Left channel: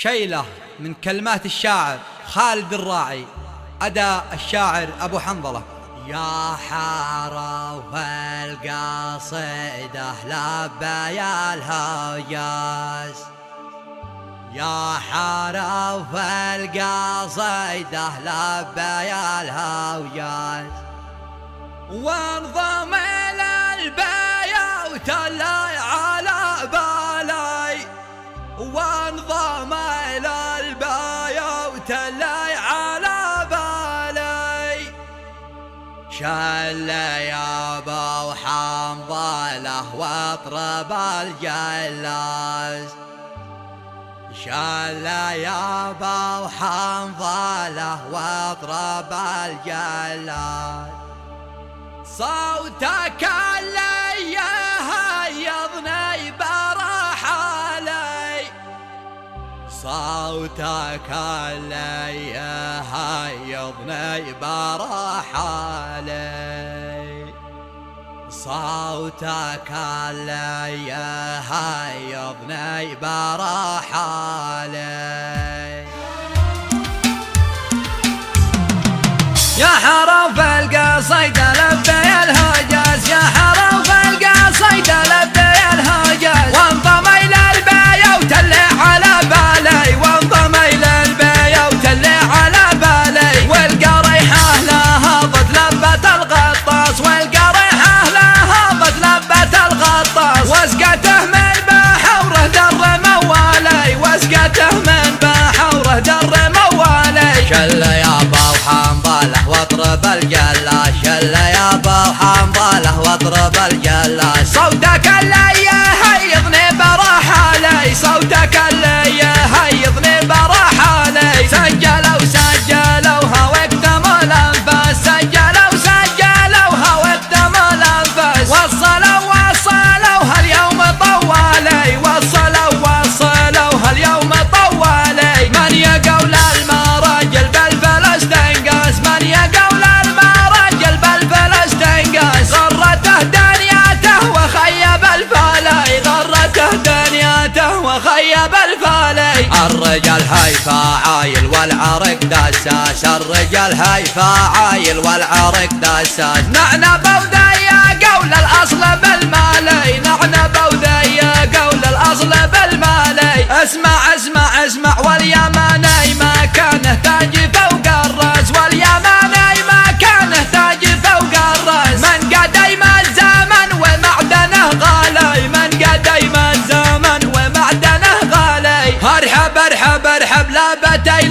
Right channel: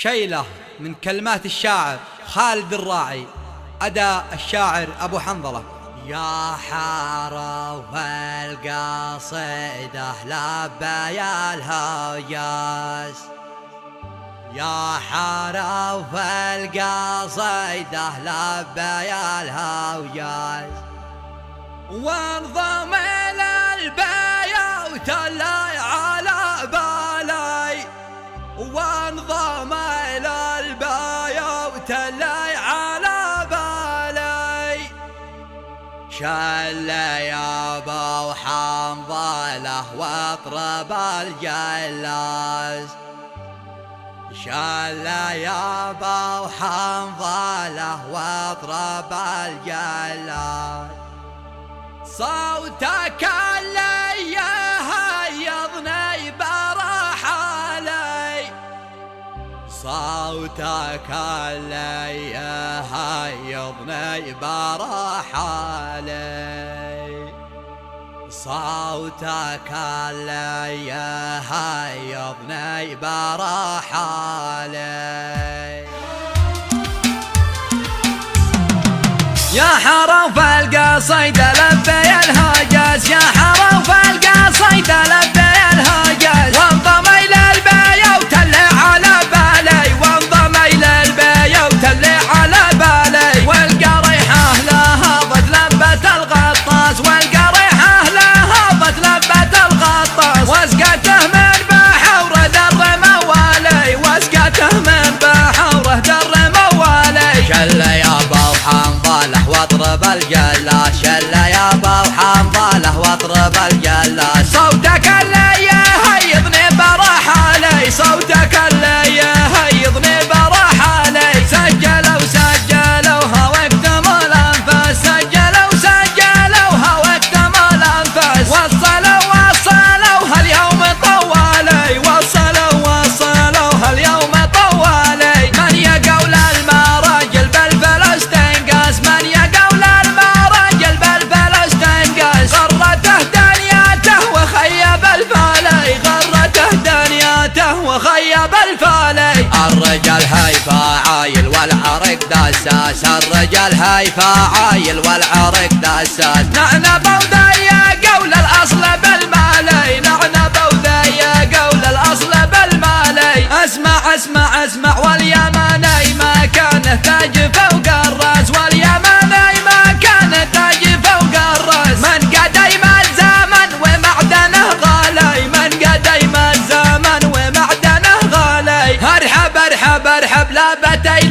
شيلة من كلمات الشاعر خالد الراعي، أداء الشاعر أبو حنظلة. يا حرف القصيدة لبى الهجاز، يا حرف القصيدة لبى الهجاز، وانضم إلى البيوت اللي على بالي، وانضم إلى البيوت اللي على بالي، شل يا ابو حنظلة واطرب الجلاس، شل يا ابو حنظلة واطرب الجلاس، صوتك اللي يهيضني برحالي، صوتك اللي يهيضني برحالي، صوتك اللي يهيضني برحالي. يا حرف القصيدة لبي الهجاز، يا حرف القصيدة لبي الهجاز، وانضم إلى البيوت اللي على بالي، وانضم إلى البيوت اللي على بالي، والقريحة لها ضد لبة الغطاس، والقريحة لها ضد لبة الغطاس، واسقته من بحوره در موالي، واسقته من بحوره در موالي، شل يا ابو حنظلة واطرب الجلاس، شل يا ابو حنظلة واطرب الجلاس، صوتك اللي يهيضني برحالي، صوتك اللي يهيضني برحالي، سجلوها واكتم الانفاس، سجلوها واكتم الانفاس، وصلوها اليوم طوالي، وصلوها اليوم طوالي، من يقول المراجل بالفلس تنقاس، من يقول المراجل بالفلس تنقاس، غرته دنياته وخيب الفالي، غرته دنياته وخيب الفالي، الرجال هيفا عايل والعرق دساس، الرجال هيفا عايل والعرق دساس، نعنى بوذي قول الاصل بالمالي، نعنى بوذي قول الاصل بالمالي، اسمع واليماني ما كان تاج فوق الراس، واليماني ما كان تاج فوق الراس، من قديم الزمن ومعدنه غالي، من قديم الزمن ومعدنه غالي، ارحب لبتي